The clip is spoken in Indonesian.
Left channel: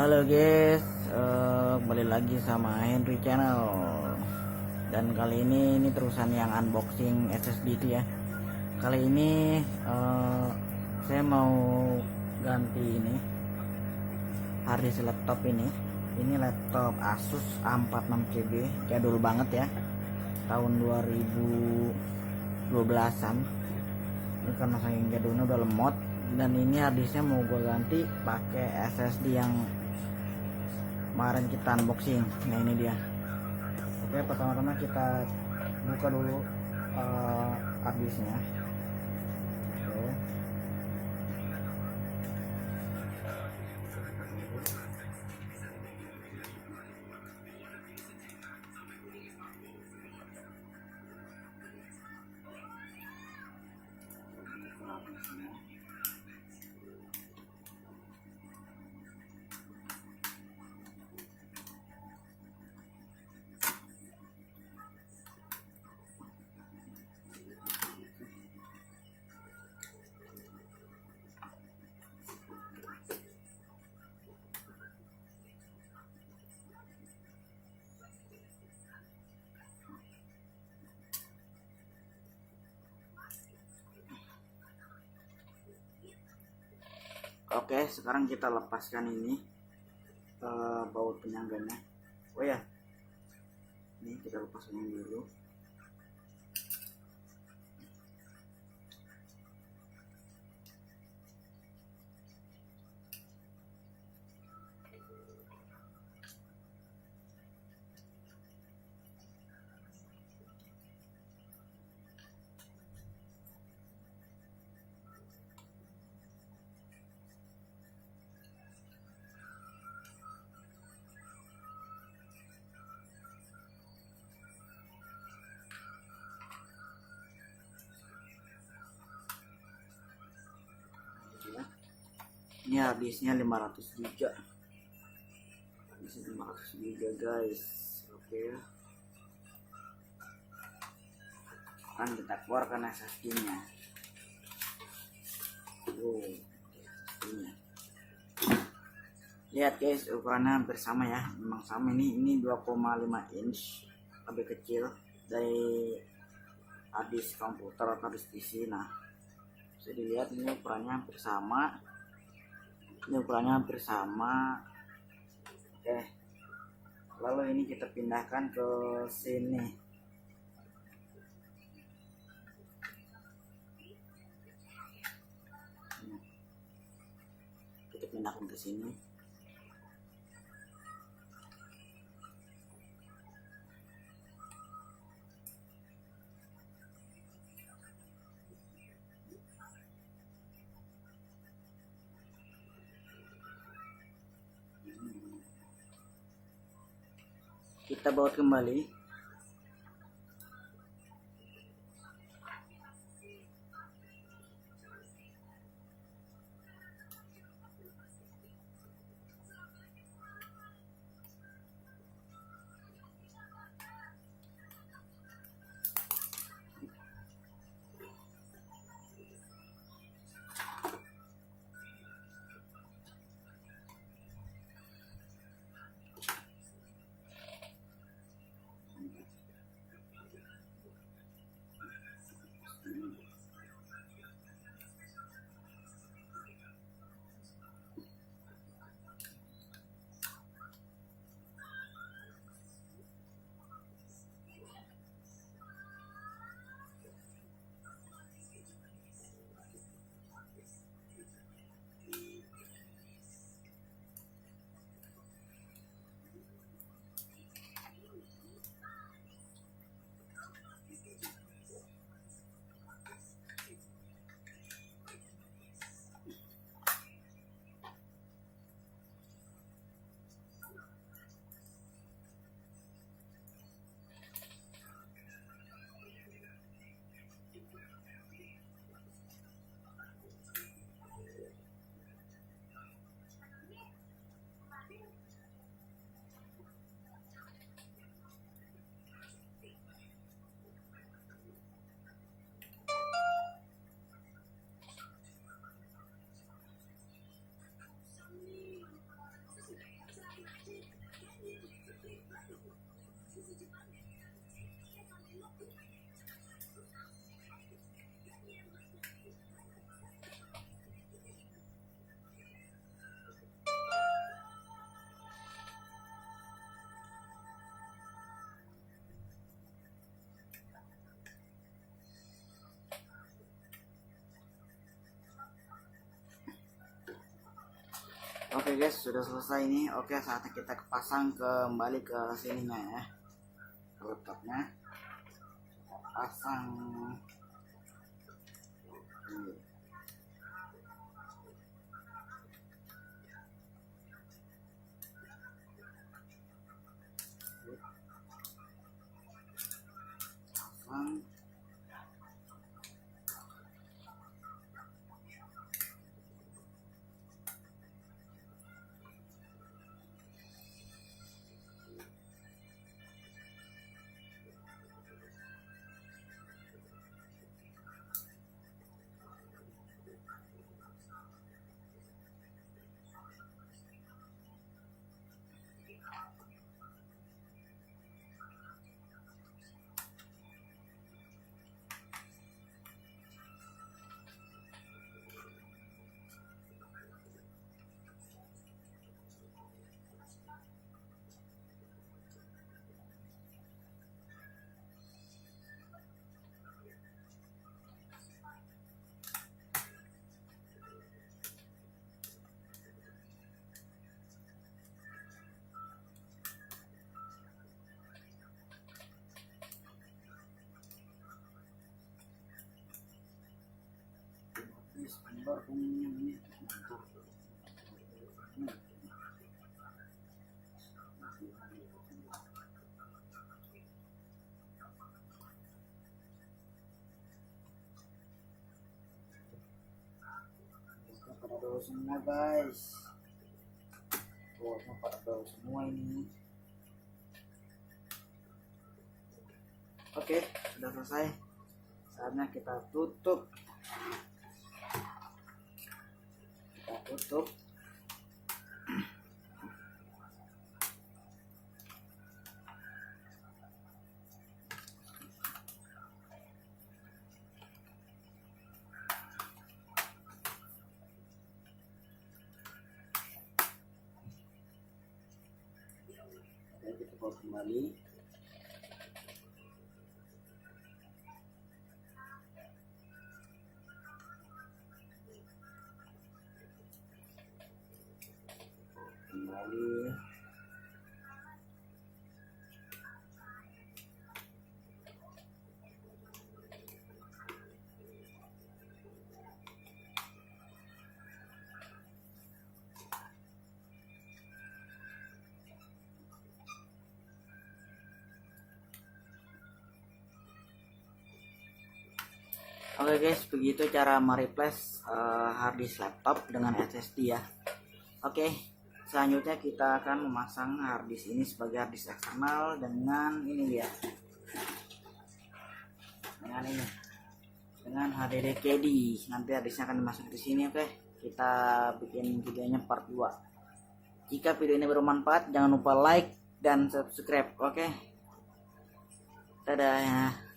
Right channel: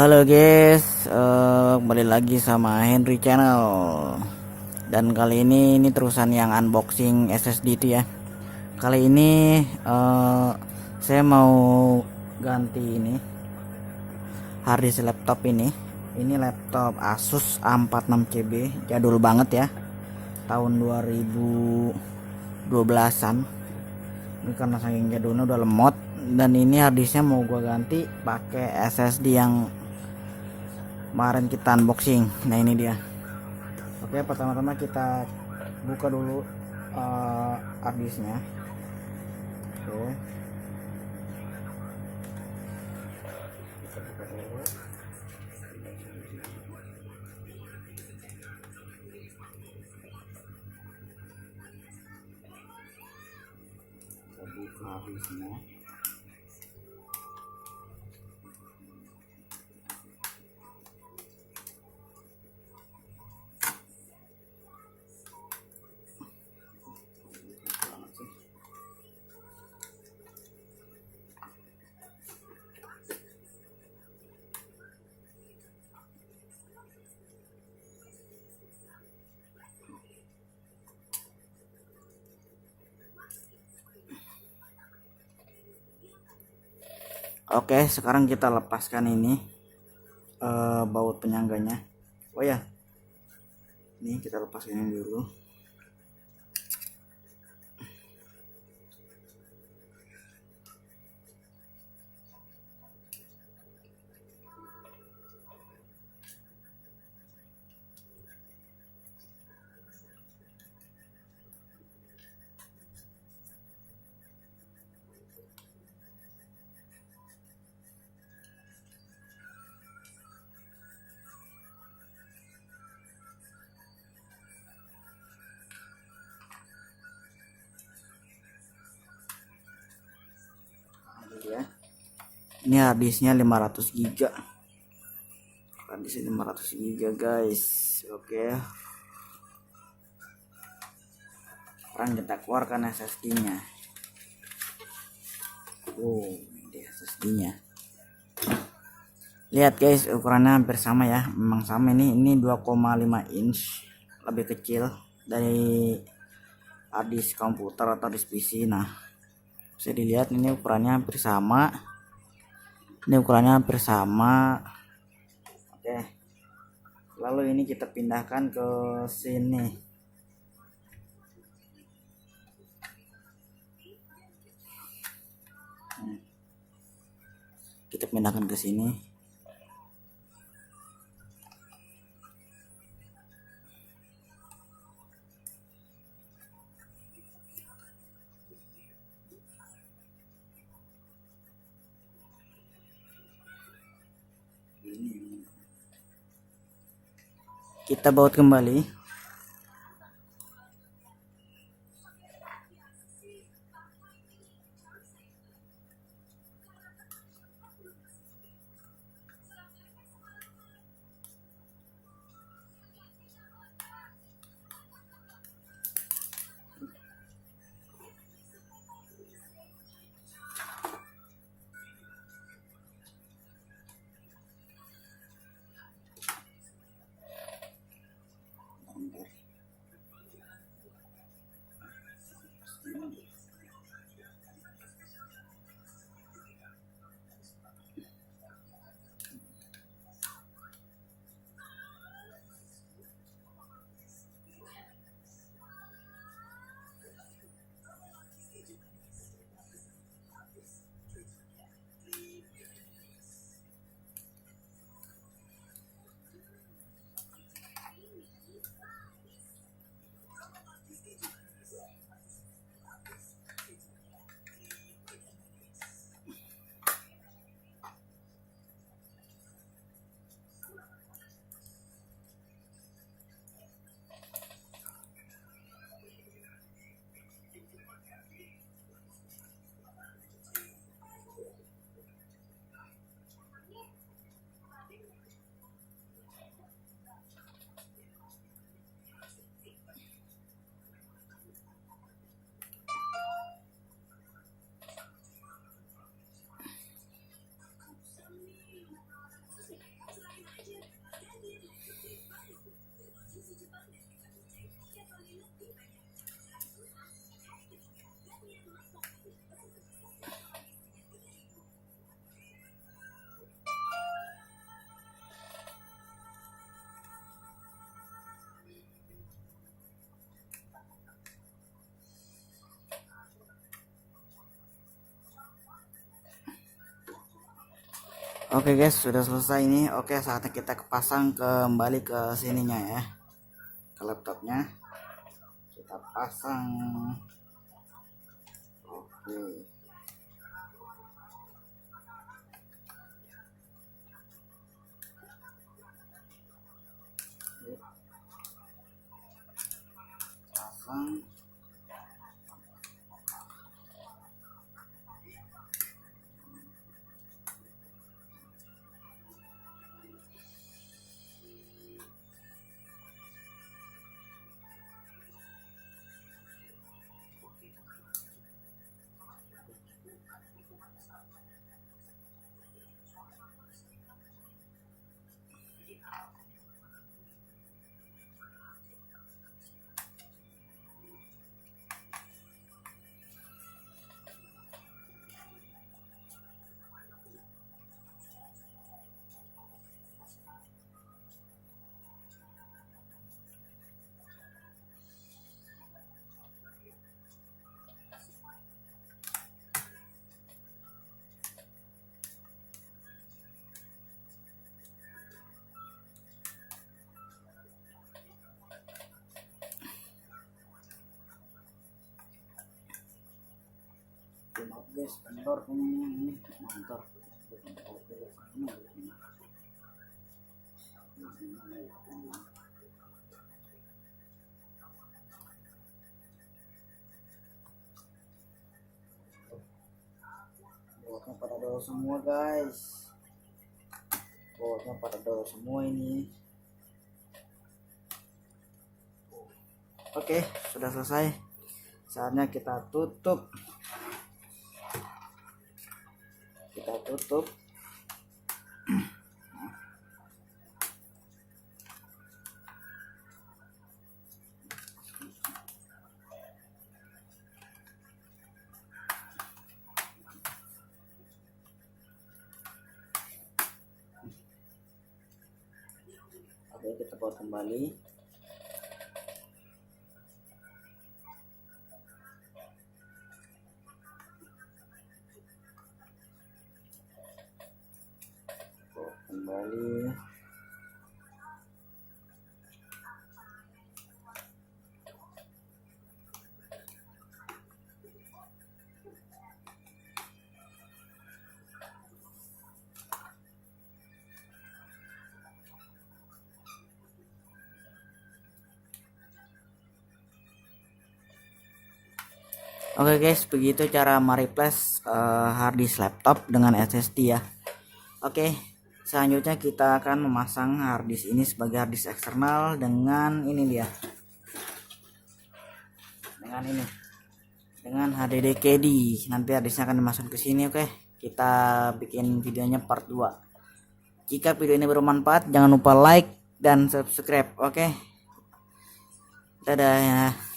Halo guys, kembali lagi sama Henry Channel. Dan kali ini terusan yang unboxing SSD itu ya. Kali ini saya mau ganti ini harddisk laptop ini. Ini laptop Asus A46 GB, jadul banget ya, tahun 2012an. Ini karena saking jadulnya udah lemot, dan ini harddisknya mau gue ganti pakai SSD yang kemarin kita unboxing. Nah ini dia. Oke, pertama-tama kita buka dulu harddisknya. Oke, kita buka harddisknya. Oke, sekarang kita lepaskan ini baut penyangganya. Oh ya, ini kita lepaskan ini dulu. Ya. Ini harddisknya 500 GB. Harddisknya 500 GB guys. Oke. Sekarang kita keluarkan SSD-nya. Oh, ini SSD-nya. Lihat guys, ukurannya hampir sama ya. Memang sama, ini 2,5 inch, lebih kecil dari harddisk komputer atau disk PC. Nah, bisa dilihat ini ukurannya hampir sama. Ini ukurannya hampir sama. Oke. Lalu ini kita pindahkan ke sini. Kita pindahkan ke sini. Kita baut kembali. Oke guys, sudah selesai ini. Oke, saatnya kita pasang kembali ke sininya ya, ke laptopnya. Kita pasang. Oke. Pasang. Guys, kendor ini mantap. Botnya pada dol semua guys, botnya pada dol semua ini. Oke, sudah selesai, saatnya kita tutup. Oke, kita bawa kembali. Oke guys, begitu cara mereplace harddisk laptop dengan SSD ya. Oke, selanjutnya kita akan memasang harddisk ini sebagai harddisk eksternal dengan ini dia, dengan HDD KD. Nanti harddisknya akan dimasukkan ke sini. Oke, kita bikin videonya part 2. Jika video ini bermanfaat, jangan lupa like dan subscribe. Oke, dadah ya.